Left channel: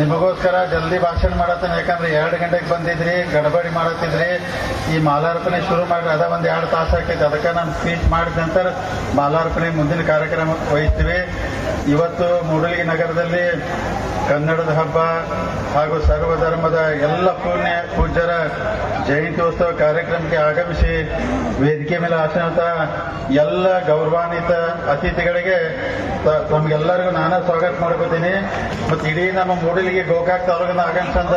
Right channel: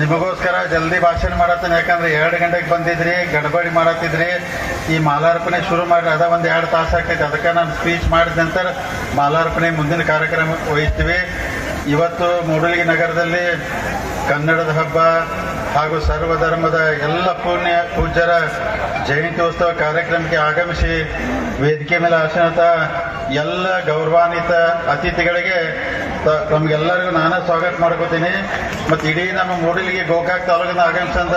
ನಿಮಗೋಸ್ಕರ ಜಲ್ದಿ ಭಾಷಣ ಮಾಡತ್ತೇನೆ. ಯಾಕಂದ್ರೆ 2 ಗಂಟೆಗೆ ಬಂದಿದ್ರಿ, ಗಡಬಡಿ ಮಾಡತ್ತಿದ್ರಿ. ಈ ಮಾಲಾರ್ಪಣೆ ಶುರು ಮಾಡಿ ಅದ ಒಂದು 2 ತಾಸು ಆಕೈತೆ. ಅದಕ್ಕೆ ನಾನು ಸ್ಪೀಚ್ ಮಾಡಿದ ನಂತರ ಮಾಲಾರ್ಪಣೆ ಮುಂದಿನ ಕಾರ್ಯಕ್ರಮ ವಹಿಸ್ತೀವಿ. ಇವತ್ತು ಮೂಡಲಗಿ ನಗರದಲ್ಲಿ ಕನ್ನಡದ ಹಬ್ಬ ಹಾಗೂ ಸರ್ವಧರ್ಮದ ಎಲ್ಲ ಪೂಜ್ಯರ ಜಯಂತ್ಯೋತ್ಸವ ಕಾರ್ಯಕ್ರಮಕ್ಕೆ ಆಗಮಿಸಿ ವೇದಿಕೆ ಮೇಲೆ ಆಸನತ ಎಲ್ಲ ಗೌರವಾನ್ವಿತ ಅತಿಥಿಗಳಿಗೆ ನಮ್ಗೆಲ್ಲರಿಗೂ ನಾನು ಸ್ವಾಗತ ಮಾಡ್ಕೋತೀನಿ. ಮತ್ತು ಇಡೀ ನಮ್ಮ ಮೂಡಲಗಿ ಗೋಕಾಕ್ ತಾಲೂಕಿನ ಆಗಮಿಸಂತ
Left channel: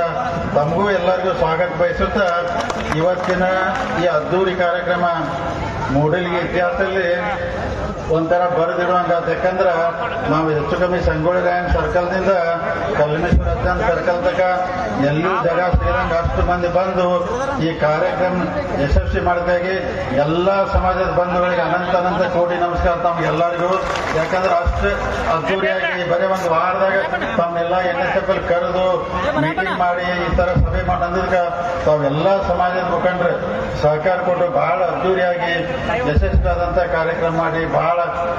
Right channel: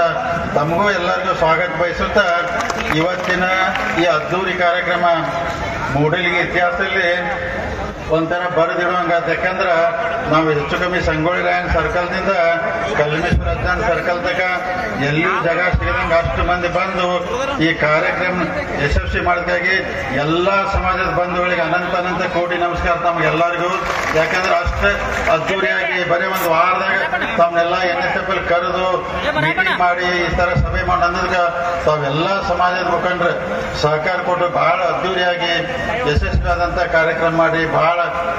ತಮಗೂ ಎಲ್ಲರಿಗೂ ಸ್ವಾಗತ ಬಯಸುತ್ತಾ ಇವತ್ತಿನ ಈ ಅದ್ದೂರಿ ಕಾರ್ಯಕ್ರಮ ಮೂಡಲಗಿ ಇತಿಹಾಸದಲ್ಲಿ ಒಂಥರ ಬರೆದಿಡುವಂಗಾದ. ಯಾಕಂದ್ರೆ ನಾವು ಹೆಚ್ಚು ಕಮ್ಮಿ ಸಂಗೊಳ್ಳಿ ರಾಯನ್ ಸರ್ಕಲ್ನಿಂದ ಕಲ್ಮೇಶ್ವರ ಅಜ್ಜನ್ ಸರ್ಕಲ್ ತನಕ ಎಲ್ಲೂ ಜಾಗ ಸಿಗದಂಗೆ ಅಷ್ಟು ಮಂದಿ ಬಂದು ಈ ಕಾರ್ಯಕ್ರಮ ಯಶಸ್ವಿ ಮಾಡಿದಾಗಿ ಎಲ್ಲ ಸಮಾಜದ ಬಂಧುಗಳಿಗೆ ಅನಂತ ಕೋಟಿ ನಮಸ್ಕಾರ ತಮ್ಗೆಲ್ಲರಿಗೂ. ಯಾಕಂದ್ರೆ ಅಷ್ಟು ಅದ್ದೂರಿಯಾಗಿ ಬರೀ ಒಂದು ವಾರದಾಗ ತಮ್ಮನ್ನೆಲ್ಲ NSF ಕರೆದು ಮೀಟಿಂಗ್ ಮಾಡಿ ಈ ತರ ಸಭೆ ಮಾಡಿ ಅಂದಿದ್ಕ ತಾವೆಲ್ಲ ಸಮಾಜದ ಮುಖಂಡರು ಸಹಕಾರ ಕೊಟ್ಟು ಬಹಳ ಅದ್ದೂರಿಯಾಗಿ ಯಶಸ್ವಿ ಆದಂತ ಕಾರ್ಯಕ್ರಮ ಮಾಡಿ ಬಹಳ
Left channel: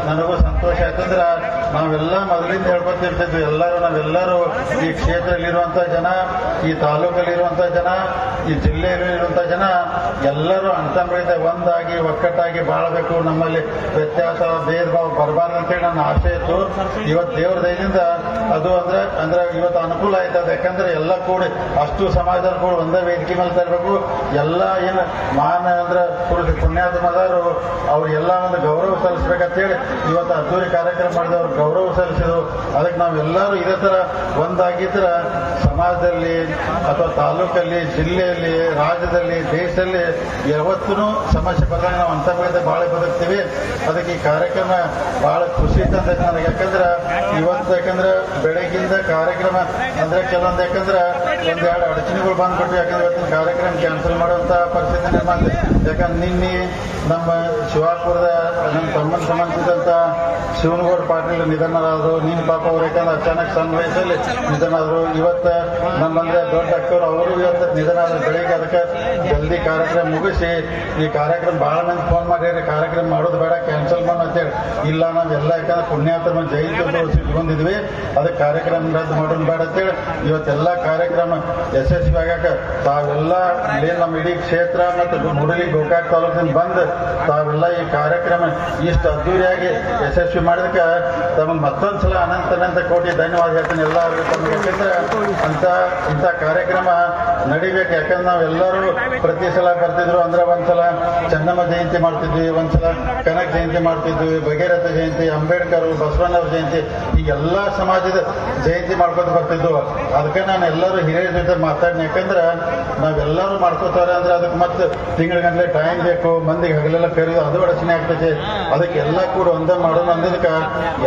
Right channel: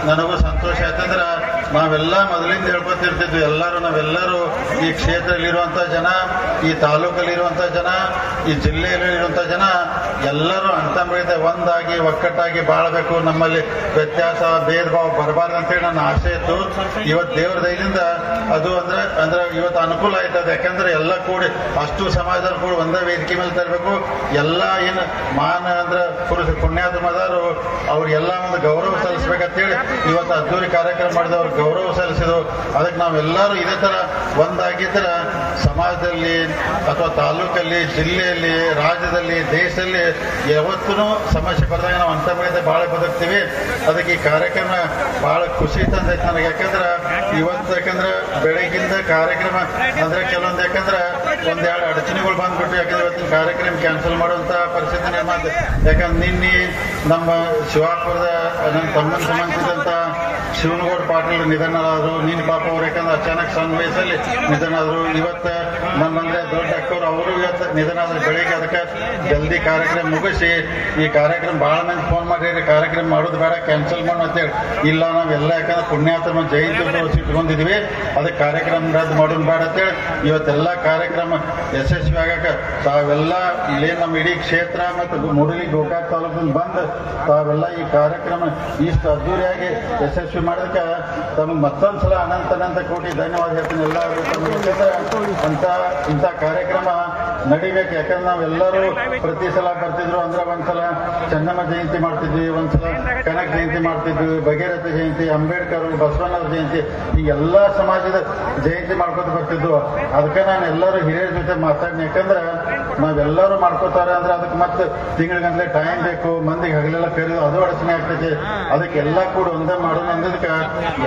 ನನಗೂ ಸಂತೋಷ ಆಯ್ತಂದ್ರೆ ನಾವೆಲ್ಲ ಮೊದಲಿಂದ ಹೇಳ್ಕೊತಿರ್ತಿದ್ವಿ. ನಾವೆಲ್ಲರೂ ಈ ಕ್ಷೇತ್ರದಲ್ಲಿರುವಂತ ಜನ, ಈ ತಾಲೂಕಲ್ಲಿರುವಂತ ಜನ, ಈ ಜಿಲ್ಲೆಯಲ್ಲಿರುವಂತ ಜನ ಎಲ್ಲರೂ ಅಂತಂಬಳಿದ ಒಂದಾಗಿ ಒಕ್ಕಟ್ಟಾಗಿ ಬಾಳಬೇಕು. ನಮ್ಮಲ್ಲಿ ವ್ಯತ್ಯಾಸ ಭೇದ ಭಾವ ಬರಬಾರ್ದು ಅಂತೇಳಿ ನನ್ನ ಆಸೆ ಇತ್ತು. ಇವತ್ತು ದೇವರ ದಯದಿಂದ ಅದು ಅಂದ್ರೆ ಇವತ್ತು ಅನುಕೂಲ ಆಯ್ತದ. ಯಾಕಂದ್ರೆ ಎಲ್ಲ ಕೂಡಿ ಅಷ್ಟು ಸಮಾಜದಲ್ಲಿ ಕೂಡ ಒಂದೇ ವೇದಿಕೆ ಮೇಲೆ ತರಬೇಕು. ಎಲ್ಲ ಏನು ಮಾನ ಅಂದ್ರೆ ಪುಣ್ಯಾತ್ಮದವರು ಅವ್ರಿಗೆಲ್ಲ ಒಂದು ಗೌರವ ಸಲ್ಲಿಸ್ಬೇಕಂತೇಳಿ ಇವತ್ತು ಅದ್ದೂರಿ ಕಾರ್ಯಕ್ರಮ ಮಾಡಿದವ್ರು ಗೌರವ ಸಲ್ಲಿಸಿದ್ರು. ಅದಕ್ಕೆ ನಾವೆಲ್ಲರೂ ಇದೇ ತರ ಒಂದಾಗಿದ್ರೆ ಸಮಾಜದಲ್ಲಿ ಅಥವಾ ತಾಲೂಕಲ್ಲಿ, ಜಿಲ್ಲೆಯಲ್ಲಿ, ರಾಜ್ಯದಲ್ಲಿ, ದೇಶದಲ್ಲಿ ಯಾವತ್ತೂ ಸಮಸ್ಯೆ ಬಂದಾಗ ನಾವು ಅಂತ ಬೆಳೆದ ಬಹಳ ಬದುಕ್ತೀವಿ. ಅದಕ್ಕೆ ಈ ಕಾರ್ಯಕ್ರಮ ಬಹಳ ಖುಷಿ ತಂದೈತೆ ನನಗೆ. ಯಾಕಂದ್ರೆ ಬೆಳಗ್ಗಿಂದ ಕಾರ್ಯಕ್ರಮ ಅಂದ್ರೆ ಕೆಲವೊಂದು ಯಾಕಂದ್ರೆ 1-2 ಅಡಚಣೆಗಳು ಬಂದ್ಬಿಟ್ಟು ಯಾಕಂದ್ರೆ ಇವತ್ತಿನ ಕಾರ್ಯಕ್ರಮ ಕ್ಯಾನ್ಸಲ್ ಮಾಡುವಂತ ಪರಿಸ್ಥಿತಿ ನಿರ್ಮಾಣ. ಯಾಕಂದ್ರೆ ನಿನ್ನೆ ನಮ್ಮ ಶಿವಾಪುರದ ನನ್ನ ತಮ್ಮನ ಸಂಬಂಧಿಸಿದಂತ ಶಿವನಗೌಡ ಪಾಟೀಲ್ ನಿಧನರಾದರು. ನೀನ್ ಪಾಪ ಅವ್ರು ಯಾಕಂದ್ರೆ ಅಚಾನಕ್ ಸಣ್ಣ ವಯಸ್ಸಲ್ಲಿ ನಿಧನರಾದರು. ಇವತ್ತು ನಮ್ಮಂದ್ರೆ ದೊಡ್ಡ ಅಕ್ಕರು ಅವರು ಇವತ್ತು ನಿಧನರಾದ್ರು. ಬೆಳಿಗ್ಗೆ ಅದಕ್ಕೆ ಜಲ್ದಿ ಕಾರ್ಯಕ್ರಮ ಮುಗಿಸಿ ಈ ಕಾರ್ಯಕ್ರಮ ಬಹಳ ಮಂದಿ ಫೋನ್ ಮಾಡಿ ಕಾರ್ಯಕ್ರಮ ಮಾಡೋದು ಬೇಡ, ಕ್ಯಾನ್ಸಲ್ ಮಾಡು ಅಂತೇಳಿ. ಇಲ್ಲ ನಾವೆಲ್ಲ ಯಾಕಂದ್ರೆ ಪುಣ್ಯಾತ್ಮ ಜಯಂತಿ ಇಟ್ಕೊಂಡಿದ್ವಿ, ಅದಕ್ಕೆ ಕಾರ್ಯಕ್ರಮ ರದ್ದು ಮಾಡೋದು ಬೇಡ ಅಂತೇಳಿ ಇವತ್ತೆಲ್ಲ ಕಾರ್ಯಕ್ರಮ ಯಶಸ್ವಿ ಆಗಕ್ಕೆ ತಾವೆಲ್ಲ ಏನ್ ನಮ್ಮ ಇಡೀ ಕ್ಷೇತ್ರ ಮತ್ತು ಮೂಡಲಗಿ ಗೋಕಾಕ್ ತಾಲೂಕಿನ ಬಂದು ತಾವೆಲ್ಲ ಈ ಕಾರ್ಯಕ್ರಮ ಇಷ್ಟು ಅದ್ದೂರಿಯಾಗಿ ಯಶಸ್ವಿ ಮಾಡೋದಕ್ಕೆ ತಮಗೆ ಮತ್ತೊಂದ್ಸಲ ಅನಂತ ಕೋಟಿ ಧನ್ಯವಾದ ಹೇಳ್ತೀನಿ. ಎಲ್ಲರಿಗೂ ತಮಗೆ ಇಂಥ ಕಾರ್ಯಕ್ರಮ ನಡಿಬೇಕು. ಯಾಕಂದ್ರೆ ನಾವೆಲ್ಲರೂ ಪ್ರತಿ ಸಲ ಬರ್ತಿದ್ರು ಅಂದ್ರೆ ಒಂದ್ಸಲ ಚೆನ್ನಮ್ಮ ಜಯಂತಿ ಮಾಡ್ತಿದ್ವಿ, ಒಂದ್ಸಲ ಕನಕ ಜಯಂತಿ ಮಾಡ್ತಿದ್ವಿ, ಭಗೀರಥ ಜಯಂತಿ, ಅಂಬೇಡ್ಕರ್, ಬಸವಣ್ಣವ್ರ ಜಯಂತಿ, ಈ ಎಲ್ಲಾ ಸಮಾಜದ ಜಯಂತಿ ಮಾಡ್ಕೊತ ಬರ್ತಿದ್ವು. ಅದಕ್ಕೆ ನಾನು ಎಲ್ಲರೂ ಹಿರಿಯರ ಜೊತೆ ಮಾತಾಡಿನಿ. ಯಾಕಂದ್ರೆ ನಾವೆಲ್ಲರೂ ಮಾಡ್ಕೋತಾರೆ ಅಂದ್ರೆ ಅದಕ್ಕೆ ಮತ್ತೆ ತಿಂಗಳಿಗಂಟ್ಲೆ ಟೈಮ್ ಬೇಕು, ಮಂದಿಗೆ ಹಗಲೆಲ್ಲ ಕರೆಯೋದು ಅದು ಅಡಚಣೆ ಆಗ್ತೈತೆ. ಅದಕ್ಕೆ ಎಲ್ಲ ಕೂಡ ಒಂದೇ ಮಾಡೋದು ಅಂದಿದ್ದಕ್ಕೆ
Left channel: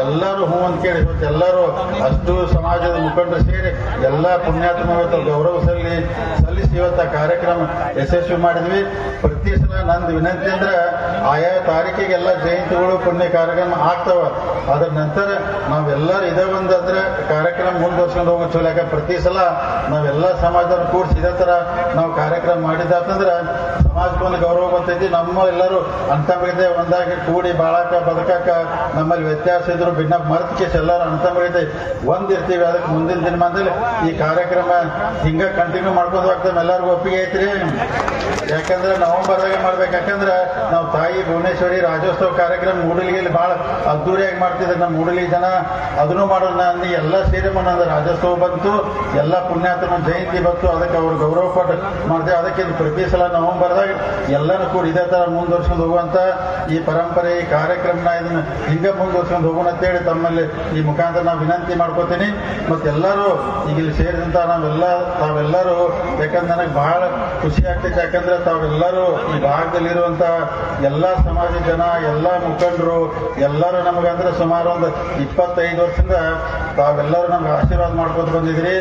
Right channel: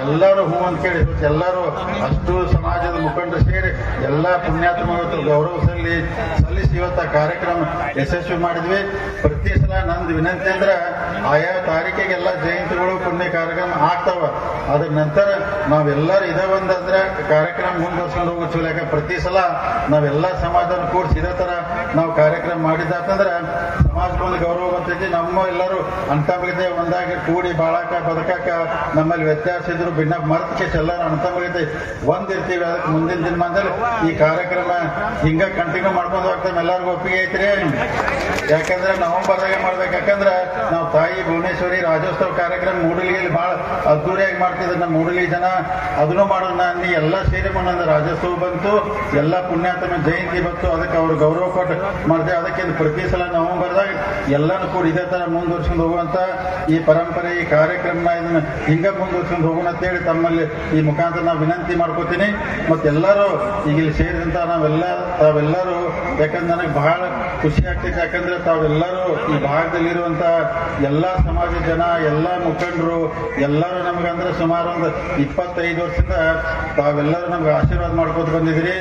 ಎಲ್ಲರೂ ಹೂ ಅಂತ ಕೇಳಿ ಎಲ್ಲರೂ ಅಷ್ಟು ಸಮಾಜದ ಮುಖಂಡರು ಸೇರಿ ಎಲ್ಲಾ ಪುಣ್ಯಾತ್ಮ ಗೌರವ ಸಲ್ಲಿಸಿ ಇವತ್ತು ಕಾರ್ಯಕ್ರಮ ಯಶಸ್ವಿ ಮಾಡಿದ್ವಿ. ಪ್ರತಿ ಸಲ ನಂದು ವಿನಂತಿ ಅಂದ್ರೆ ಆಯಾ ತಾರೀಕಿಗೆ ಎಲ್ಲ ಜಯಂತಿಗಳು ಪುಣ್ಯ ಕಾರ್ಯಕ್ರಮ ಆಗ್ತಾವ. ಅದ್ರ ನಂತರ ನಾವೆಲ್ಲರೂ ಇದೇ ಒಂದಂದ್ರೆ ಕಾರ್ಯಕ್ರಮ ಮುಂದುವರ್ಸ್ಕೊಂಡು ಹೋಗೋ ಚಲೋ. ಯಾಕೆ ಪ್ರತಿ ಸಲ ನಾವೆಲ್ಲ ಸಮಾಜದಲ್ಲಿ ಕೂಡಿಸಿ ಇದೇ ತರ ನಾವು ಕಾರ್ಯಕ್ರಮ ಮಾಡಿದಾತಂದ್ರೆ ಸಮಾಜಕ್ಕೊಂದು ಗೌರವ ಬರ್ತೈತಿ. ನಮ್ಮ ಎಲ್ಲರೂ ಅಂತ ಬೆಳಿದೆ ಒಂದಾಗಿ ಕೂಡಿ ಬಾಳಾಕ ಬದುಕಾಕ ನಮ್ಮಲ್ಲಿ ವ್ಯತ್ಯಾಸ ಇದ್ರು ಭಿನ್ನ ಮರ್ತಿಕೆ ಎಲ್ಲರೂ ಅಂತ ಬೆಳಿದೆ ಒಂದಿರ್ತೀವಿ. ಅದಕ್ಕೆ ಮುಂದಿನ ದಿನಮಾನದಲ್ಲಿ ಈ ಕಾರ್ಯಕ್ರಮ ಹಿಂಗ ಕಂಟಿನ್ಯೂ ಮಾಡ್ಕೊಂಡು ಹೋಗ್ತಾನೆ. ಎಲ್ಲರಿಗೂ ಒಪ್ಪಿಗೆ ಐತ್ರಿ. ಯಾಕಂದ್ರೆ ನವೆಂಬರ್ದಾಗ ಮಾಡ್ಬೇಕು. ಯಾಕಂದ್ರೆ ನಾವು ತಾಯಿ ಭುವನೇಶ್ವರಿ ರಾಜ್ಯೋತ್ಸವ ಕಾರ್ಯಕ್ರಮ ಮೂಡಲಗಿಯಲ್ಲಿ ಬಹಳ ಅದ್ದೂರಿಯಾಗಿ ಮಾಡ್ತಿದ್ರು ನಮ್ಮ ಮೂಡಲಗಿ ಜನ. ಅದನ್ನು ಮಾಡೋದು ನಾನು ಎಲ್ಲ ಸೇರಿ ಒಂದೊಂದು ರಾಜ್ಯೋತ್ಸವ ಬಂತು, ಎಲ್ಲ ಪುಣ್ಯಾತ್ಮ ಜಯಂತಿ ಬಂತು, ಅದಕ್ಕೆ ಅವ್ರು ಗೌರವ ಕೊಟ್ಟು ಮಾಡಿದೆ. ಅದಕ್ಕೆ ಪ್ರತಿ ಸಲ ನವೆಂಬರ್ದಾಗ ಎಲ್ಲನೂ ಕೂಡ ಇದೇ ತರ ಮುಂದುವರ್ಸ್ಕೊಂಡು ಹೋಗುವಂತ ಈ ಪರಂಪರೆ, ಈ ಕಾರ್ಯಕ್ರಮನ ಇದನ್ನ ಹಿಂಗ ಮುಂದುವರ್ಸ್ಕೊಂಡು ಹೋಗೋಣ ಅಂತೇಳಿ ತಮ್ಮಲ್ಲಿ ಈ ಮುಖಾಂತರ ನಾವು ವಿನಂತಿ ಮಾಡ್ಕೋತೀನಿ. ಮತ್ತೆಲ್ಲರೂ ಈಗ ಇಲ್ಲಿ ಸೇರಿದಂತ ತಾವೆಲ್ಲರೂ ಯಾಕಂದ್ರೆ ನನಗೆ ಬಹಳ ಖುಷಿ ಆಗ್ತೈತೆ. ಯಾಕಂದ್ರೆ ತಾವೆಲ್ಲರೂ ಈ ಭಾಗದಲ್ಲಿರುವಂತ ಎಲ್ಲಾ ಸಮಾಜದ ಜನ, ಎಲ್ಲಾ ಮುಖಂಡರು ಎಲ್ಲರೂ ನಮಗಂದ್ರೆ ಸುಮಾರು ಒಂದು 25 ವರ್ಷದಿಂದ ತಾವೆಲ್ಲರೂ ನಮ್ಗೆ ಆಶೀರ್ವಾದ ಮಾಡ್ಕೊತ ಬಂದಿದ್ರಿ.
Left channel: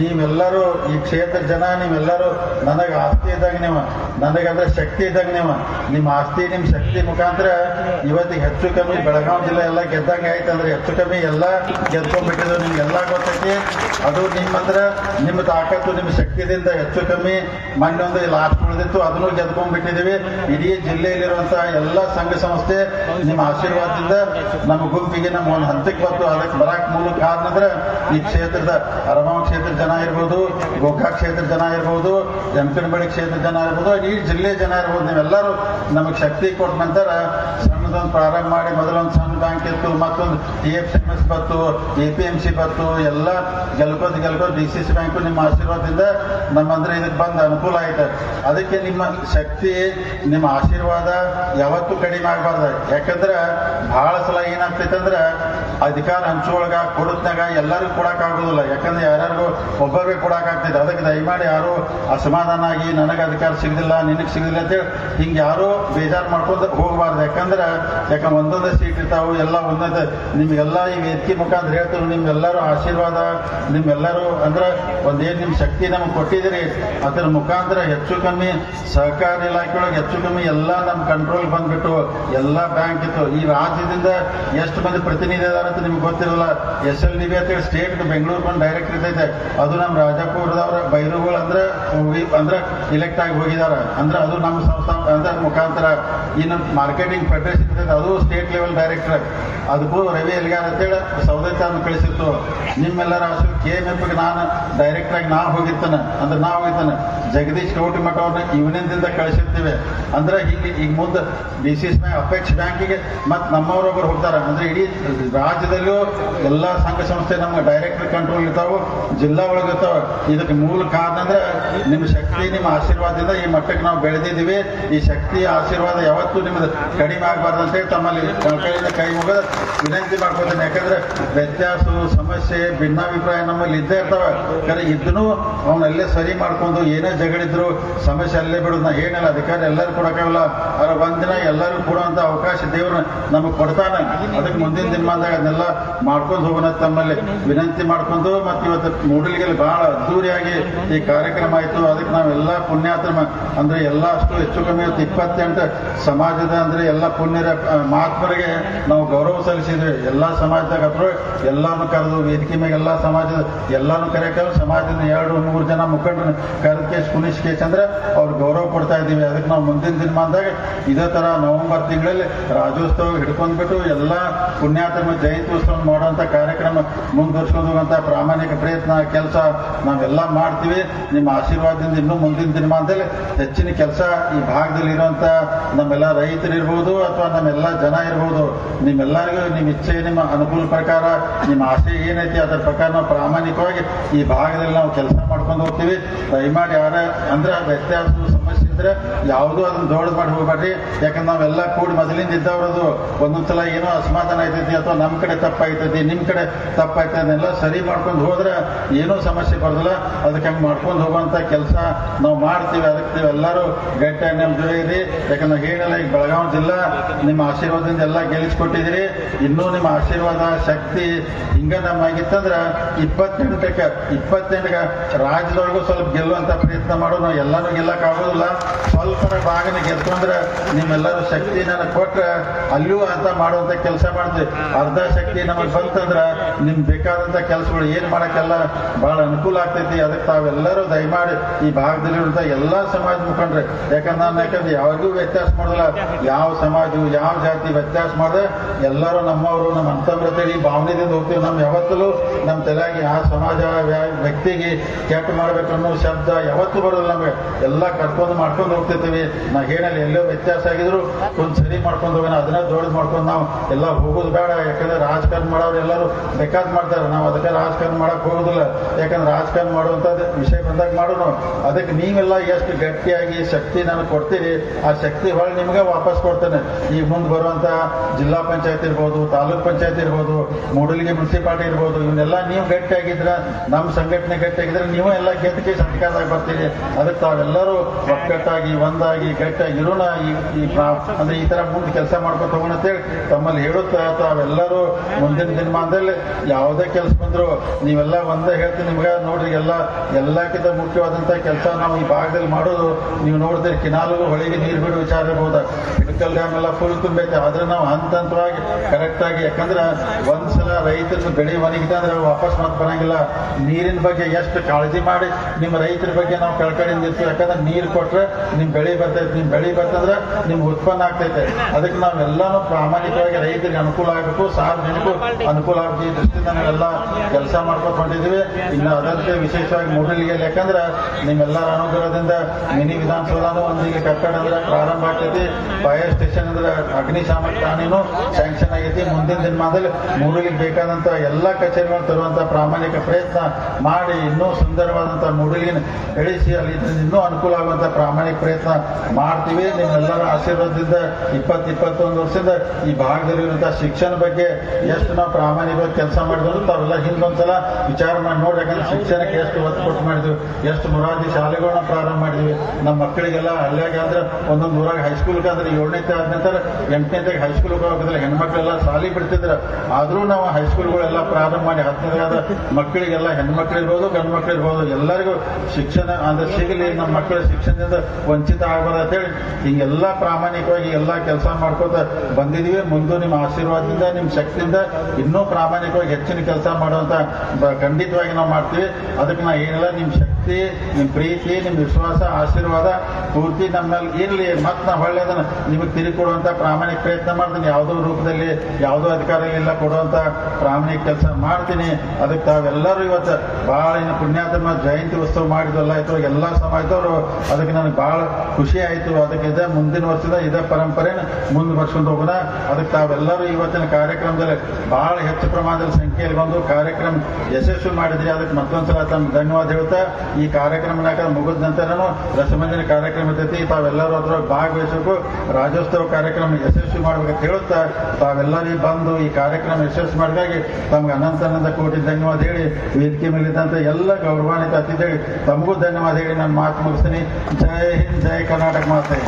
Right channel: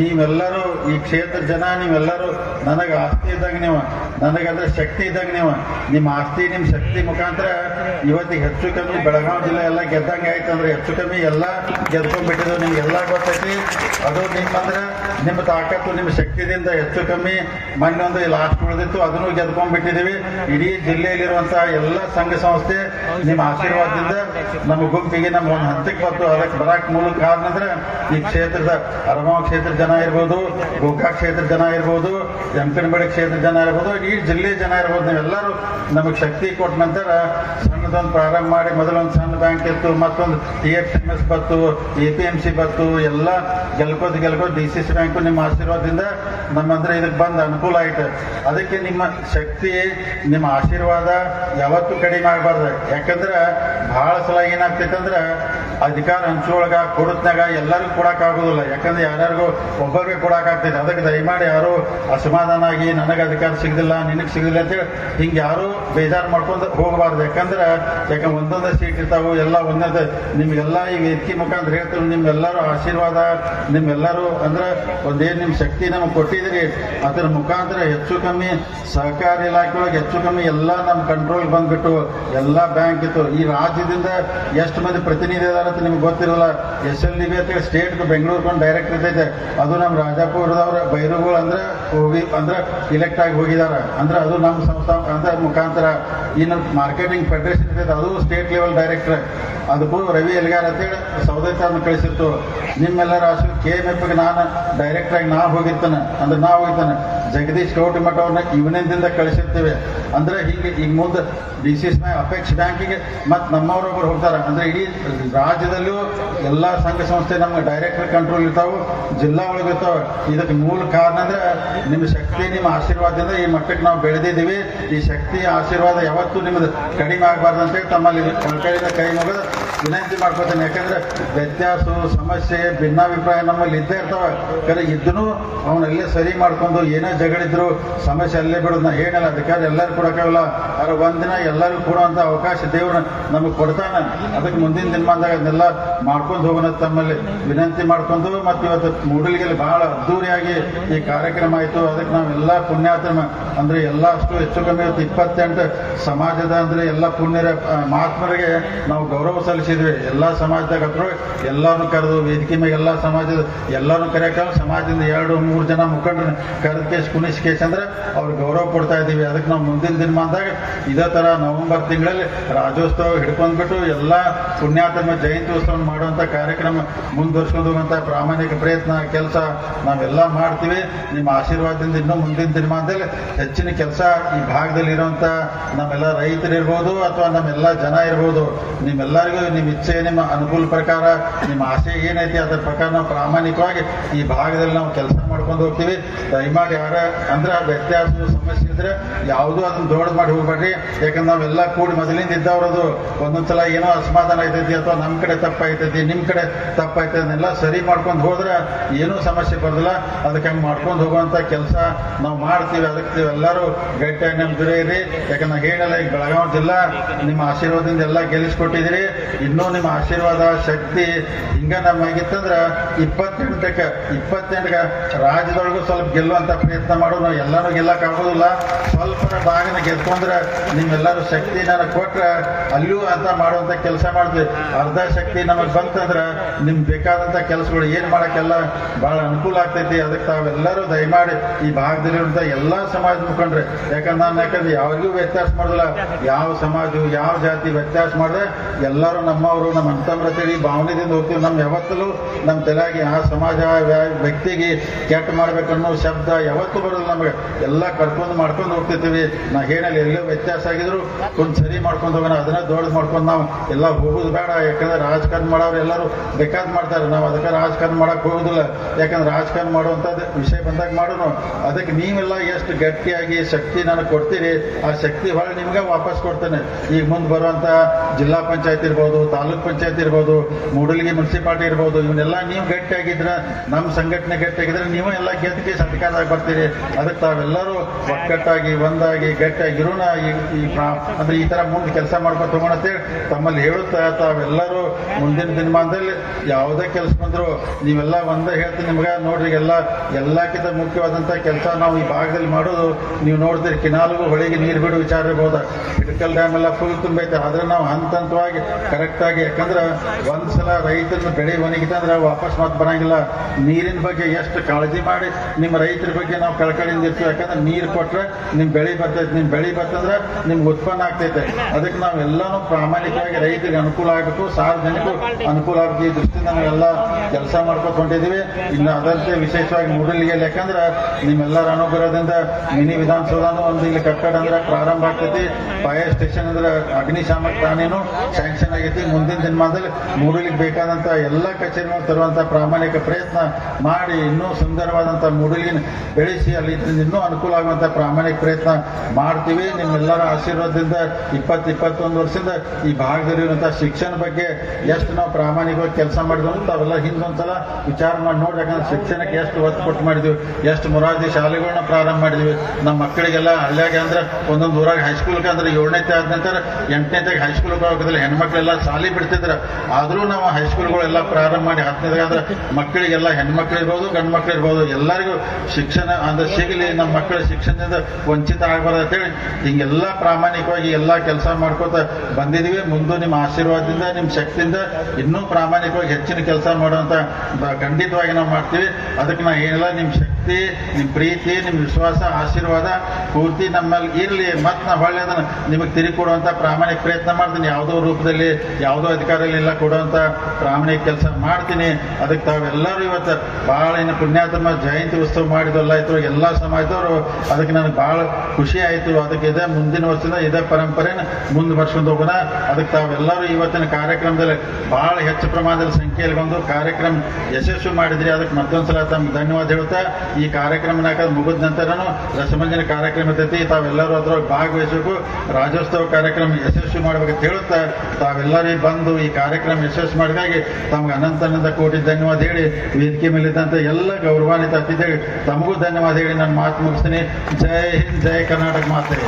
ನೀವೆಲ್ಲರೂ ಈ ಕ್ಷೇತ್ರ ಜನ, ನೀವೆಲ್ಲರೂ ನನಗೆ ಆಸ್ತಿ ಇದ್ದಾಗ, ನೀವು ನನಗಂದ್ರೆ ಶಕ್ತಿ ಇದ್ದಾಗ, ನೀವು ನಿಮ್ಮ ಆಸ್ತಿ ನಿಮ್ಮ ಶಕ್ತಿ ಮುಖಾಂತರ ಇವತ್ತಿಗೆ ಹೆಚ್ಚು ಕಮ್ಮಿ ಬೆಳಗಾವಿ ಜಿಲ್ಲೆ ಎಲ್ಲ ಗೆದ್ದಂಗೆ ಆಯ್ತು ಅಂದ್ರೆ ಹೆಚ್ಚು ಕಮ್ಮಿ ಎಲ್ಲ ಗೆದ್ಕೊಂಡ್ಬಿಟ್ಟಿದ್ರು, ನಿಮ್ಗೆಲ್ಲ ಗೊತ್ತೈತಿ. ಅದು ನಿಮ್ಮಂದ್ರೆ ನಿಮ್ಮ ತಾಕತ್ತು ನಿಮ್ಮ ಶಕ್ತಿದಿಂದ ಹೆಚ್ಚು ಕಮ್ಮಿ ಮೊನ್ನೊಂದು ಲಾಸ್ಟ್ ಉಳಿದಿತ್ತು, ಅದನ್ನು ಗೆದ್ಕೊಂಡ್ಬಿಟ್ಟಿದೀವಿ. ಇಡೀ ಜಿಲ್ಲೆಯಲ್ಲಿರುವಂತಹ ಎಲ್ಲ ಸಂಘ ಸಂಸ್ಥೆ ನಿಮ್ಮ ಆಶೀರ್ವಾದದಿಂದ ನಮ್ಮ ಗುಂಪಿಗೆ ನಮ್ಮ ಒಂದು ಹಂತಕ್ಕೆ ಬಂತು. ಅದಕ್ಕೆ ಬರಾಕ್ ಮೂಲ ಕಾರಣ ಅಂದ್ರೆ ಈ ಕ್ಷೇತ್ರದ ಅರಮಾವ್ ಕ್ಷೇತ್ರದ ಜನ ಇರ್ಬೋದು, ಗೋಕಾಕ್ ಕ್ಷೇತ್ರದ ಜನ ಇರ್ಬೋದು, ಯಂಕನಬಡಿ ಕ್ಷೇತ್ರದ ಜನ ಇರ್ಬೋದು, ಈ ಜಿಲ್ಲೆಯ ಜನ ಇರ್ಬೋದು. ನೀವೆಲ್ಲರೂ ನಮಗೆ ಶಕ್ತಿ ಕೊಟ್ಟ ನಂತರ ಸಣ್ಣದೊಂದು ಪ್ರಾರಂಭ ಮಾಡಿ ಮೊದಲೊಂದು ಸಣ್ಣ ಬ್ಯಾಂಕ್ ಇತ್ತು, ಮತ್ತೊಂದು TFMS ಬತ್ತು, APMC ಬತ್ತು, ಎಲ್ಲ ಗೆಲ್ಕೋದು DCC ಬ್ಯಾಂಕು ನಿಮ್ಮ ಆಶೀರ್ವಾದದಿಂದ ನಮ್ಮಂದ್ರೆ ಇದಕ್ಕೆ ಬಂದು ಅನುಕೂಲ ಆಯ್ತು. ಅದಕ್ಕೆ ನಿಮ್ಮ ಶಕ್ತಿ ನಿಮ್ಮ ಆಶೀರ್ವಾದ ಯಾವತ್ತೂ ಕಡಿಮೆ ಆಗಬಾರ್ದು. ಯಾಕಂದ್ರೆ ಬಹಳ ಸಲ ಏನಾಗ್ತೈತೆ ಅಂದ್ರೆ ಅಧಿಕಾರ ಹಂಚುವೊಳಗ ಕೊಡತ್ನಾಗ ಎಲ್ಲರಿಗೂ ಕೊಡಕ್ ಆಗುದಿಲ್ಲ. ಯಾಕಂದ್ರೆ ಯಾರ್ಯಾರಿಗೂ ಒಬ್ಬರಿಗೆ ಕೊಡಕ್ ಆಗ್ತೈತೆ. ಅದಕ್ಕೆ ದಯಮಾಡಿ ಯಾರು ಅಸಮಾಧಾನ ಆಗಿ ನನಗೆ ಅಧಿಕಾರ ಸಿಗದಿಲ್ಲ ನಿನಗೆ ಸಿಗದಿಲ್ಲ ಅಂತೇಳಿ ಹಿಂಗೆ ಯಾರು ಬೇಜಾರು ಮಾಡ್ಕೊಂಡು ಹೋಗಬಾರ್ದು. ಯಾಕಂದ್ರೆ ಒಂದೊಂದೇ ಸೀಟ್ ಇರ್ತಾವು, ಎಲ್ಲ ಒಂದೊಂದು ನಿಮ್ಗೆಲ್ಲ ಈ ವೇದಿಕೆ ಮುಖಾಂತರ ಹೇಳ್ತಾರೆ. ನಿಮ್ಗೆಲ್ಲರೂ ಆಶೀರ್ವಾದ ನಿಮ್ಗೆಲ್ಲರೂ ಅಂದ್ರೆ ಒಂದೇನು ನಿಮ್ಮ ಶಕ್ತಿ ನಮಗೆ ಕೊಟ್ಟಿದ್ದೀರಿ, ಅದರ ಮುಖಾಂತರ ಹೆಚ್ಚು ಕಮ್ಮಿ ಸಹಕಾರಿ ಇಲಾಖೆ ಒಳಗೆ ಹೆಚ್ಚು ಕಮ್ಮಿ ಎಲ್ಲ ನಮ್ಮ ಕಂಟ್ರೋಲ್ ಬಂದ್ಬಿಟ್ಟು ಎಲ್ಲ ಬ್ಯಾಂಕ್ ಇತ್ತು. ಈ ರಾಜ್ಯದಿಂದ ಎಷ್ಟು ಮಂದಿ ಪ್ರತಿನಿಧಿ ಇದಾರೆ ಅಂತ ನಿಮ್ಗೆ ಗೊತ್ತಿರಲ್ಲ. SLDB ಅಂತ ಸ್ಟೇಟ್ ಬೆಂಗಳೂರು ಬಂದು ಡೈರೆಕ್ಟರ್ ಇದೆ, ಅದು ನಮ್ಮ ರಾಜಾಪುರದವ್ರ ಬೈರುಗಳು ಅಂದ್ರೆ ಇಲೆಕ್ಟ್ ಆಗಿ ಹೋಗಿದಾರ. ಅಂದ್ರೆ ಅದು ನಮ್ಮ ಸಂಸ್ಥಾ ಅಂದ್ರೆ ಮುಖಾಂತರ ಈ ನಮ್ಮ ಮಾರ್ಕೆಟಿಂಗ್ ಫೆಡರೇಷನ್ ಇದೆ, ಅದು ಸ್ಟೇಟ್ ಲೆವೆಲ್ ಡೈರೆಕ್ಟರ್. ಅದಕ್ಕೂ ರವಿ ಎಲ್ಗಾರ್ ಅಂತೇಳಿ ಸೌದೈತಾನ ಕಳಿಸಿತ್ತು. ನಿಮ್ಮೆಲ್ಲರ KMFಗೆ ನಾನು ಡೈರೆಕ್ಟರ್ ಆಗಿ ನಾವು ಹೋಗಿರ್ತಾನೆ, ಅಂದ್ರೆ ನಾವು ಹೋಗಿರ್ತಾನೆ. ಜಗದೀಶ್ ಗೌಟಿಮಠ ಅವ್ರನ್ನ ಯೂನಿಯನ್ದಿಂದ ಕಳಿಸಿರ್ತೀವಿ. ಅಂದ್ರೆ ಈಗ ಮುಂದೆ DCC ಅಪೆಕ್ಸ್ ಬ್ಯಾಂಕಿಗೆ ಮತ್ತೆ ನಮ್ಮವರೊಬ್ಬರು ಹೋಗ್ತಾರೆ. ಅಂದ್ರೆ ಇಡೀ ರಾಜ್ಯದಲ್ಲೂ ಎಲ್ಲಾ ಸಂಘ ಸಂಸ್ಥೆ ನಮ್ಗೆ ಡೈರೆಕ್ಟರ್ ಕಂಟ್ರೋಲ್ ಇರ್ತಾವೆ, ಜಿಲ್ಲಾ ಒಳಗೆ ಇರ್ತಾವೆ. ಇದಕ್ಕೆ ಮೂಲ ಕಾರಣ ಅಂದ್ರೆ ನಿಮ್ಮ ಶಕ್ತಿ ನಿಮ್ಮ ಆಶೀರ್ವಾದದಿಂದ ಈ ಮಟ್ಟಕ್ಕೆ ನಾವು ಬೆಳೆದಿದ್ದೀವಿ. ಈ ಶಕ್ತಿ ಆಶೀರ್ವಾದ ಯಾವತ್ತೂ ನಿಮ್ದು ಕಡಿಮೆ ಆಗಬಾರ್ದು ಅಂತೇಳಿ ತಮ್ಮಲ್ಲಿ ಕೈ ಮುಗಿದ ವಿನಂತಿ ಮಾಡ್ಕೋತೇನೆ. ಯಾಕಂದ್ರೆ ವ್ಯತ್ಯಾಸ ಸಮಸ್ಯೆ ಭಿನ್ನಾಭಿಪ್ರಾಯ ನಮ್ಮಲ್ಲಿ ಇದ್ದೇ ಇರ್ತಾವೆ. ಇದ್ದನು ಅವನ್ನೆಲ್ಲೇ ಸರಿ ಮಾಡ್ಕೊಂಡು ಏನೋ ಜಗಳಿದ್ರು ಸಮಸ್ಯೆ ಅಲ್ಲೇ ಬಿಡೋದು ನಾ ಹೇಳಲ್ಲ. ಅದಕ್ಕಾದ್ರೆ ಎಲ್ಲರೂ ಕೊಡೋಕ್ಕಾಗಲ್ಲ. ಆದ್ರೆ ಒಂದಿನ ಎಲ್ಲರಿಗೂ ಕೊಡುವಂತ ಅವಕಾಶ ದೇವ್ರ ನಮಗೆ ಕೊಡ್ತಾನೆ. ಅದಕ್ಕೆ ಮುಂದಿನ ದಿನಮಾನದಾಗ ಅದನ್ನೆಲ್ಲ ಮಾಡ್ಕೊಂಡು ಹೋಗೋಣ ತಮ್ಮಲ್ಲಿ ವಿನಂತಿ ಮಾಡ್ಕೊಂಡು. ಮತ್ತೆ ಇವತ್ತು ಮೂಡಲ್ಗಿಲ್ಲಿ ಬಹಳ ಅದ್ದೂರಿಯಾಗಿ ಈ ಕಾರ್ಯಕ್ರಮ ಆಯ್ತು. ಅದಕ್ಕೆ ನಾವೆಲ್ಲ ಪುಣ್ಯಾತ್ರ ಅಂದ್ರೆ ಎಲ್ಲ ಅಷ್ಟು ಹೆಚ್ಚು ಕಮ್ಮಿ 28 ಸಮಾಜದ ಅಂದ್ರೆ ಎಲ್ಲ ಪುಣ್ಯರ ಮಹಾತ್ಮರಿಗೆ ನಾವು ಗೌರವ ಸಲ್ಲಿಸಿದ್ವಿ. ಎಲ್ಲಾ ಸಮಾಜದಾಗ ಹತ್ರ ಎಲ್ಲಾನು ಕರೆದು ವೇದಿಕೆ ಮೇಲೆ ಎಲ್ಲಾ ಸಮಾಜದ ಎಲ್ಲಾನು ಕರೆಯಕ ಸಮಾಜದಿಂದ 2-3 ಜನ ಮುಖಂಡರು ಕರೆದ ಕುಣಿಸ್ಕೇಶ್ ಅಂದ್ರೆ ಅವ್ರು ಗೌರವ ಕೊಡ್ತಾ ಇದ್ದೀವಿ. ಅದಕ್ಕೆ ನಾವು ಮುಂದಿನ ದಿನಮಾನದಾಗ ಇದೇ ತರ ನವೆಂಬರ್ ತಿಂಗಳಲ್ಲಿ ರಾಜ್ಯೋತ್ಸವ ಹಿಡ್ಕೊಂಡ್ಬಿಟ್ಟು ಎಲ್ಲಾ ಪುಣ್ಯಾತ್ಮ ಜಯಂತಿ ಉತ್ಸವ ಮಾಡುವಂತ ಕಾರ್ಯಕ್ರಮ ಮುಂದುವರ್ಸ್ಕೊಂಡು ಹೋಗುವಂತ ಪ್ರಾಮಾಣಿಕ ಪ್ರಯತ್ನ ಕೆಲಸ ನಾವೆಲ್ಲ ಮಾಡ್ತೀವಿ. ನಿಮ್ಮ ಆಶೀರ್ವಾದದಿಂದ ಇನ್ನೂ ಮುಂದಿನ ದಿನಮಾನದಲ್ಲಿ ಹೆಚ್ಚಿನ ಕೆಲಸ ಈ ಭಾಗದಲ್ಲಿ ಇರುವಂತ ನಮ್ಮೆಲ್ಲ ರೈತರಿರ್ಬೋದು ಅಥವಾ ನಮ್ಮೆಲ್ಲ ಜನ ಇರ್ಬೋದು, ನಿಮ್ಮೆಲ್ಲರಿಗೂ ನಿಮ್ಮ ಇಚ್ಛೆ ನಿಮ್ಮ ಅನುಕೂಲ ಪ್ರಕಾರ ನಿಮ್ಮ ಆಸೆ ಏನೈತಿ ಅದರ ಪ್ರಕಾರ ನಾವು ಪ್ರಾಮಾಣಿಕವಾಗಿ ಈ ಭಾಗದಲ್ಲಿ ನಾವು ಕೆಲಸ ಮಾಡ್ಕೊಂಡು ಹೋಗ್ತೀವಿ. ದಯಮಾಡಿ ಯಾರ ಅಂದ್ರೆ ವ್ಯತ್ಯಾಸ ಸಮಸ್ಯೆ ಇದ್ರೆ ಯಾವುದೂ ಅದನ್ನ ದೊಡ್ಡ ಮಾಡಿ ಹೋಗ್ಬೇಡ್ರಿ. ಯಾಕಂದ್ರೆ ನಾವೆಲ್ಲ ಕೂಡಿ ಮೊದಲಿಂದ ಇದ್ದವ್ರದು ಒಂದೊಂದ್ಸಲ ಏನೋ ಅಸಮಾಧಾನ ಆಯ್ತೈತಿ ಅಥವಾ ನಮ್ಮ ಕಡೆ ತಪ್ಪಾಯ್ತೈತಿ ನಿಮ್ ಕಡೆ ತಪ್ಪಾಯ್ತೈತಿ ಅದನ್ನೆಲ್ಲ ಸರಿ ಮಾಡ್ಕೊಂಡು ಹೋದ್ರೆ ಏನೂ ಸಮಸ್ಯೆ ಬರೋದಿಲ್ಲ. ಅದಕ್ಕೆ ಹಂಗೆ ಮಾಡ್ಕೊಂಡು ಹೋಗುವಂತ ಕೆಲಸ ನಾವು ಮಾಡ್ತೀವಿ. ಅದಕ್ಕೆ ಎಲ್ಲರೂ ಗಟ್ಟಿಯಾಗಿ ನಮ್ಮ ಜೊತೆ ಇರಿ. ಯಾಕಂದ್ರೆ ಹೇಳಿಲ್ಲ ಈಗ ಬೆಳಗಾವಿ ಜಿಲ್ಲಾ ನಿಮ್ಮ ಆಶೀರ್ವಾದದಿಂದ ಎಲ್ಲ ಗೆಲ್ಲಿಸ್ಕೊಟ್ಟಿದ್ದೀರಿ. ಇನ್ನೂ ನಿಮ್ಮ ಆಶೀರ್ವಾದ ಶಕ್ತಿ ಹಿಂಗ ನಮ್ಮಾಗಿತ್ತಂದ್ರ 28ಕ್ಕೆ ರಾಜ್ಯದೊಳಗೂ ಸ್ವಲ್ಪ ಗೆಲ್ಲುವಂತ ಪ್ರಯತ್ನ ಮಾಡೋದು. ನಾವು ಎಲ್ಲರೂ ಗೆಲ್ಲಕ್ ಆಗೋದಿಲ್ಲ. ಸ್ವಲ್ಪ ಭಾಗನ ಗೆದ್ಕೊಂಡ್ರೆ ನಿಮ್ಮೆಲ್ಲರೂ ಶಕ್ತಿ ನನಗೆ ಕೊಟ್ರೆ ಅಲ್ಲೂ ಅಂತ ಮಾಡುವಂತ ಕೆಲಸ ಮಾಡ್ತೀವಿ. ಅರ್ಧ ಶಕ್ತಿ ನಮಗೆ ಬಂತಂದ್ರ ನಿಮ್ಗೆ ಬೇಕಾದಂತ ಕೆಲಸಗಳು ಏನ್ ಮಾಡಕ್ಕೆಲ್ಲ ಬಹಳ ಅನುಕೂಲ ಆಗ್ತೈತಿ. ಅದಕ್ಕೆ ತಾವೆಲ್ಲರೂ ದಯಮಾಡಿ ಈ ಭಾಗದಲ್ಲಿರುವಂತ ಎಲ್ಲಾ ಸಮಾಜ ಮುಖಂಡ್ರೆ ಯಾಕಂದ್ರೆ ಯಾರಿಗೂ ವ್ಯತ್ಯಾಸ ಮಾಡೋದಿಲ್ಲ. ಯಾವ ಸಮಾಜ ಯಾವ ಜಾತಿ ವ್ಯತ್ಯಾಸ ಮಾಡಿದ್ರೆ ಎಲ್ಲರೂ ನಮ್ಮವರು ನಮ್ಮ ಅಂತಮ್ರತೆಗೆ ಭಾವನೆದಿಂದ ಹೋಗ್ತೀವಿ. ನಮ್ ಯಾವತ್ತೂ ನಮ್ಮ ತಲೆಯಾಗಿ ಆ ಸಮಾಜ ವ್ಯಕ್ತಿಗೆ ಕೆಟ್ಟ ಮಾಡ್ಬೇಕನ್ನೋ ಶಬ್ದ ಯಾವತ್ತೂ ಬರೋದಿಲ್ಲ. ನಮಗೆ ಎಲ್ಲ ಕರ್ಕೊಂಡು ಮಾಡ್ಕೊಂಡು ಹೋಗ್ತಿರ್ತೀವಿ. ನಾ ಹೇಳಲ್ಲಿ ಎಲ್ಲೋ ವ್ಯತ್ಯಾಸ ಆಗಿದ್ರು ಒಂದು ಸರಿ ಮಾಡ್ಕೊಂಡು ಹೋಗೋಣ, ಅದನ್ನ ದೊಡ್ಡ ಮಾಡ್ಕೊಂಡು ನಾವು ಎಲ್ಲ ಹೋಗೋದು ಬೇಡ. ಯಾಕಂದ್ರೆ ರಾಜಕಾರಣ ಮಾಡೋರು ಎಲ್ಲರೂ ಬೇಕಾದ್ ಮಾಡ್ತಾರೆ. ನಾವು ಅದಕ್ಕೆ ರಾಜಕಾರಣ ಮಾಡಕ್ ಹೋಗೋದಿಲ್ಲ. ಯಾಕಂದ್ರೆ ರಾಜಕಾರಣ ಮಾಡುವಂತದ್ದು ವಿಷಯ ಬಂದಾಗ ಮಾಡೋದು. ಅದಕ್ಕೆ ನೀವೆಲ್ಲ ಎಷ್ಟು ಗಟ್ಟಿಯಾಗಿ ಶಕ್ತಿ ನನಗೆ ಕೊಡ್ತೀರಿ ಆ ಶಕ್ತಿ ಹೊಳೆ ನಿಮ್ಗೆ ವಾಪಸ್ ಕೊಡ್ತೇನೆ. ಈಗ ಮುಂದೆ ಬರುವಂತ ಜಿಲ್ಲಾ ಪಂಚಾಯತ್ ಇರ್ಬೋದು, ತಾಲೂಕ್ ಪಂಚಾಯತ್ ಇರ್ಬೋದು, ಮೂಡಲ್ಗಿ ಮುನ್ಸಿಪಾಲಿಟಿ ಇರ್ಬೋದು, ಇವನ್ನೆಲ್ಲ ನೀವು ಗಟ್ಟಿಯಾಗಿದ್ರೆ ನಮ್ಮ ಸಂಘಟನೆ ಗಟ್ಟಿಯಾಗಿದ್ರೆ ನೀವು ಎಲ್ಲ ಗೆದ್ದಕ್ಕೆ ಅಧಿಕಾರದಾಗ ಬರ್ತೀರಿ. ಅದಕ್ಕೆ ತಾವೆಲ್ಲರೂ ಒಗ್ಗಟ್ಟಾಗಿ ಒಂದಾಗಿ ಗಟ್ಟಿಯಾಗಿರೋಣ ಅಂದ್ರೆ ಈ ತರ ಮುಂದೆ ಕೆಲಸ ಮಾಡ್ಕೊಂಡು ಹೋಗೋಣಂತೇಳಿ ತಮ್ಮಲ್ಲಿ ಹೇಳುತ್ತಾ ತಾವೆಲ್ಲರೂ ಮುಂದಿನ ದಿನಮಾನದಲ್ಲಿ ಯಾವುದೇ ಕೆಲಸ ಬಂದ್ರು ನೀವೆಲ್ಲ ಒಂದೇ ಹೇಳ್ತೀನಿ ನಿಮ್ಗೆ ನೋಡ್ರಿ ಎಲ್ಲಕ್ಕಿಂತ ಮುಖ್ಯವಾದಂತ ಕೆಲಸ ನಾವು ಈ ಭಾಗದಲ್ಲಿ ಮಾಡೋದು ನೀವು ನೋಡಿದ್ರೆ ಕಿನಾಲ್ಗೂ ಹೊಳಿಗೆ ನೀರು ಬಿಡೋ ವಿಚಾರ ಇರ್ಬೋದು. ಇಳಕಲ್ ಡ್ಯಾಮ್ ಎಲ್ಲ ಫುಲ್ ತುಂಬೈತೆ ಆದ್ರೆ ನಾವು ಹಂತವಾಗಿ ಕರೆಕ್ಟ್ ಆಗಿ, ಯಾಕಂದ್ರೆ ಒಂದ್ಸಲ ರೈತರು ಬೆಳೆ ಒಣಗಿತಂದ್ರೆ ವಾಪಸ್ ಮತ್ತೆ ಬರಂಗಿಲ್ಲ. ನೀರಿನ ಬಗ್ಗೆ ಎಷ್ಟು ಕಾಳಜಿ ಮಾಡಿ ನಿಮ್ಮ ರೈತರ ಬಗ್ಗೆ ನಾವು ಕಳ್ಕಳಿಂದ ಇರ್ತೀವಿ. ಯಾಕಂದ್ರೆ ನೀರು ಕೊಟ್ರೆ ನಿಮ್ ಬೆಳೆ ಬರ್ತೈತೆ, ನಿಮ್ ಬೆಳೆ ಬರ್ತಂದ್ರೆ ನಿಮ್ಗೆ ಉತ್ಪನ್ನ ಆಗ್ತೈತೆ. ಅದಕ್ಕೆ ನಾವೆಲ್ಲಾನು ಪ್ರಾಮಾಣಿಕವಾಗಿ ರೈತರಿಗೆ ಅನುಕೂಲ ಆಗಬೇಕು, ಸಾರ್ವಜನಿಕರು ಅನುಕೂಲ ಆಗಿ ದೃಷ್ಟಿಯಿಂದ ನಾವೆಲ್ಲ ಕೆಲಸ ಮಾಡ್ಕೊಂಡಿದ್ದೀವಿ. ಇನ್ನು ಅದರಂತೆ ವಿಶೇಷವಾಗಿ ಮೂಡಲಿಗೆ ಯಾಕಂದ್ರೆ ನಿಮ್ಮೆಲ್ಲರ ಅನುಗ್ರಹದಿಂದ ಮಿನಿ ವಿಧಾನಸೌಧ ಒಂದು ಇಲ್ಲಿ ಕಟ್ಟಡ ಅಂದ್ರೆ ಪ್ರಾರಂಭ ಆಗ್ತೈತಿ. ಫೈರ್ ಸ್ಟೇಷನ್ ಅಂದ್ರೆ ಅಗ್ನಿಶಾಮಕ ಠಾಣೆನೂ ಸ್ಯಾಂಕ್ಷನ್ ಆಗೈತಿ. ಮುಂದಿನ ದಿನಮಾನದಲ್ಲಿ ಮೂಡಲಿಗೆ ಬೇಕಾದಂತ ಎಲ್ಲ ಕಚೇರಿಗಳನ್ನು ತರುವಂತ ಪ್ರಾಮಾಣಿಕ ಪ್ರಯತ್ನ ಮಾಡಿ ಇನ್ನೂ ಸುಂದರವಾದಂತಹ ಮೂಡಲಿಗೆ ಬೆಳೆಸಿ ಅಲ್ಲಿ ಇನ್ನೂ ಅನುಕೂಲ ಆಗುವಂತ ಪ್ರಾಮಾಣಿಕ ಪ್ರಯತ್ನ ಮಾಡ್ತೀವಿ. ನಿಮ್ಮೆಲ್ಲರ ಆಶೀರ್ವಾದದಿಂದ 20-21 ವರ್ಷದಿಂದ ಈ ಭಾಗದಲ್ಲಿರುವಂತಹ ಶಿಕ್ಷಣ ಬಗ್ಗೆ ಎಷ್ಟು ನಾವು ಪ್ರಾಮಾಣಿಕವಾಗಿ ಕೆಲಸ ಮಾಡಿದ್ರು ತಾವೆಲ್ಲ ಹಿಂದೊಂದ್ಸಲ ವಿಚಾರ ಮಾಡಿ ನೋಡ್ರಿ. ಯಾಕಂದ್ರೆ ಶಿಕ್ಷಣಕ್ಕೆ ಎಷ್ಟು ಒತ್ತು ಕೊಟ್ಟು ಮಾಡಿದ್ವಿ, ಎಷ್ಟು ಮುರಾರ್ಜಿ ಶಾಲೆಗಳನ್ನ ಪ್ರಾರಂಭ ಮಾಡಿದ್ವಿ. ನಮ್ಮ ಮಕ್ಕಳಿಗೆಲ್ಲ ಹಳ್ಳಿಯಾಗ ಅಂದ್ರೆ ಒಂದೊಂದು ಊರಾಗ ಹೈಸ್ಕೂಲ್ಗೆ ಅಂದ್ರೆ 7ನೇ ಆದ ನಂತರ 8ನೇ ಹೈಸ್ಕೂಲ್ಗೆ ಹೋಗೋದಿಲ್ಲ, ಹೆಣ್ಮಕ್ಳೆಲ್ಲ ಶಾಲೆ ಬಿಡ್ತಿದ್ರು. ಆದ್ರೂ ನಾವು ಹೈಸ್ಕೂಲ್ಗಳೆಲ್ಲ ಪ್ರಾರಂಭ ಮಾಡಿ 10ನೇ ಆದ್ರೆ ಮಕ್ಕಳಿಗೆಲ್ಲ ಹೆಣ್ಮಕ್ಳು ಇರ್ಬೋದು ಗಂಡು ಮಕ್ಳು ಇರ್ಬೋದು ಎಲ್ಲರಿಗೂ ಶಿಕ್ಷಣ ಅಂದ್ರೆ ಸಿಗಲಿ, ನಮ್ಮ ಮಕ್ಕಳ ಶಿಕ್ಷಣದಿಂದ ವಂಚಿತ ಆಗಬಾರ್ದು ಅಂತೇಳಿ ಹಿಂಗೆಲ್ಲ ಪ್ರಾಮಾಣಿಕವಾಗಿ ಎಲ್ಲ ಕೆಲಸ ಮಾಡ್ಕೋತ ಬಂದಿದೀವಿ. ಮುಂದೆ ನಿಮ್ಮ ಆಶೀರ್ವಾದದಿಂದ ನಿಮ್ಮ ಶಕ್ತಿಯಿಂದ ಇನ್ನೂ ಪ್ರಾಮಾಣಿಕವಾಗಿ ಹೆಚ್ಚಿನ ಕೆಲಸ ಮಾಡುವಂತ ಖಂಡಿತವಾಗಿ ನಾವು ಮಾಡ್ತೀವಿ. ಅದಕ್ಕೆ ನಾ ಏನಿಲ್ಲ, ನಿಮ್ಮ ಶಕ್ತಿ, ನಿಮ್ಮ ಪ್ರೀತಿ, ನಿಮ್ಮ ವಿಶ್ವಾಸ, ಆಶೀರ್ವಾದ ಪೂರ್ತಿ ನಮ್ಮಲ್ಲಿ ಇರಲಿ. ಮತ್ತೆ ನಾ ಹೊಳ್ಳೆ ಅದನ್ನ ನಿಮಗೆ ತಿರುಗಿ ಕೊಡುವಂತ ಪ್ರಾಮಾಣಿಕ ಪ್ರಯತ್ನ ಮಾಡ್ತೀನಿ. ಯಾವುದೋ ರೂಪದಲ್ಲಿ ಯಾವುದೋ ಅಧಿಕಾರಿಗಳು ಎಲ್ಲ ಕೊಡುವಂತ ಪ್ರಾಮಾಣಿಕ ಕೆಲಸ ಮಾಡ್ತೀನಿ. ಅದಕ್ಕೆ ತಾವೆಲ್ಲರೂ ಇವತ್ತು ಬಹಳ ಇನ್ನು ಪುಣ್ಯಾತ್ಮ ಜಯಂತಿ ಉತ್ಸವ ಮಾಡಿದ್ವಲ್ಲ ಆಯ್ತು ಎಲ್ಲಾ ಸಮಾಜದವರು, ಅದಕ್ಕೆ ನನಗೆ ಬಹಳ ಖುಷಿ ಆಯ್ತು. ಅದಕ್ಕೆ ಇದೇ ಮುಂದಿನ ವರ್ಷದಿಂದ ಇದೇ ಪರಂಪರೆನ ಮುಂದುವರ್ಸ್ಕೊಂಡು ಹೋಗೋಣ. ಅದಕ್ಕೆ ತಾವೆಲ್ಲರೂ ಇವತ್ತಿನ ಕಾರ್ಯಕ್ರಮದಲ್ಲಿ ಬಹಳ ಹೆಚ್ಚು ಪ್ರಮಾಣದಲ್ಲಿ ಸಂಖ್ಯೆಯಲ್ಲಿ ಬಂದು ಕಾರ್ಯಕ್ರಮ ಯಶಸ್ವಿ ಮಾಡಿದ್ರಿ. ಅದಕ್ಕೆ ಮತ್ತೊಂದ್ಸಲ ತಮ್ಮ ಧನ್ಯವಾದ ಹೇಳ್ತಾ ಈ ಕಾರ್ಯಕ್ರಮ ಮುಗಿದ ನಂತರನು ರಸಮಂಜನ ಕಾರ್ಯಕ್ರಮ ಇರ್ತೈತಿ, ತಾವೆಲ್ಲರೂ ಅದ್ರ ಭಾಗವಹಿಸಬೇಕು, ರಾಜ್ಯೋತ್ಸವ ಕಾರ್ಯಕ್ರಮ ಯಶಸ್ವಿ ಮಾಡ್ಬೇಕಂತ ಹೇಳುತ್ತಾ ತಾವೆಲ್ಲರೂ ಬಂದು ಈ ಕಾರ್ಯಕ್ರಮ ಯಶಸ್ವಿ ಮಾಡಿದಾಗಿ ತಮ್ಗೆ ಅನಂತ ಕೋಟಿ ಧನ್ಯವಾದ ಹೇಳಿ ವೇದಿಕೆ ಮೇಲಿದ್ದಂತ ಎಲ್ಲ ಗೌರವಾನ್ವಿತ ಅತಿಥಿಗಳಿಗೆ ತಮಗೂ ಧನ್ಯವಾದ ಹೇಳಿ ನಾನು ಮಾತು ಮುಗಿಸ್ತೀನಿ. ಜೈ ಹಿಂದ್, ಜೈ ಕರ್ನಾಟಕ ಮಾತೆ.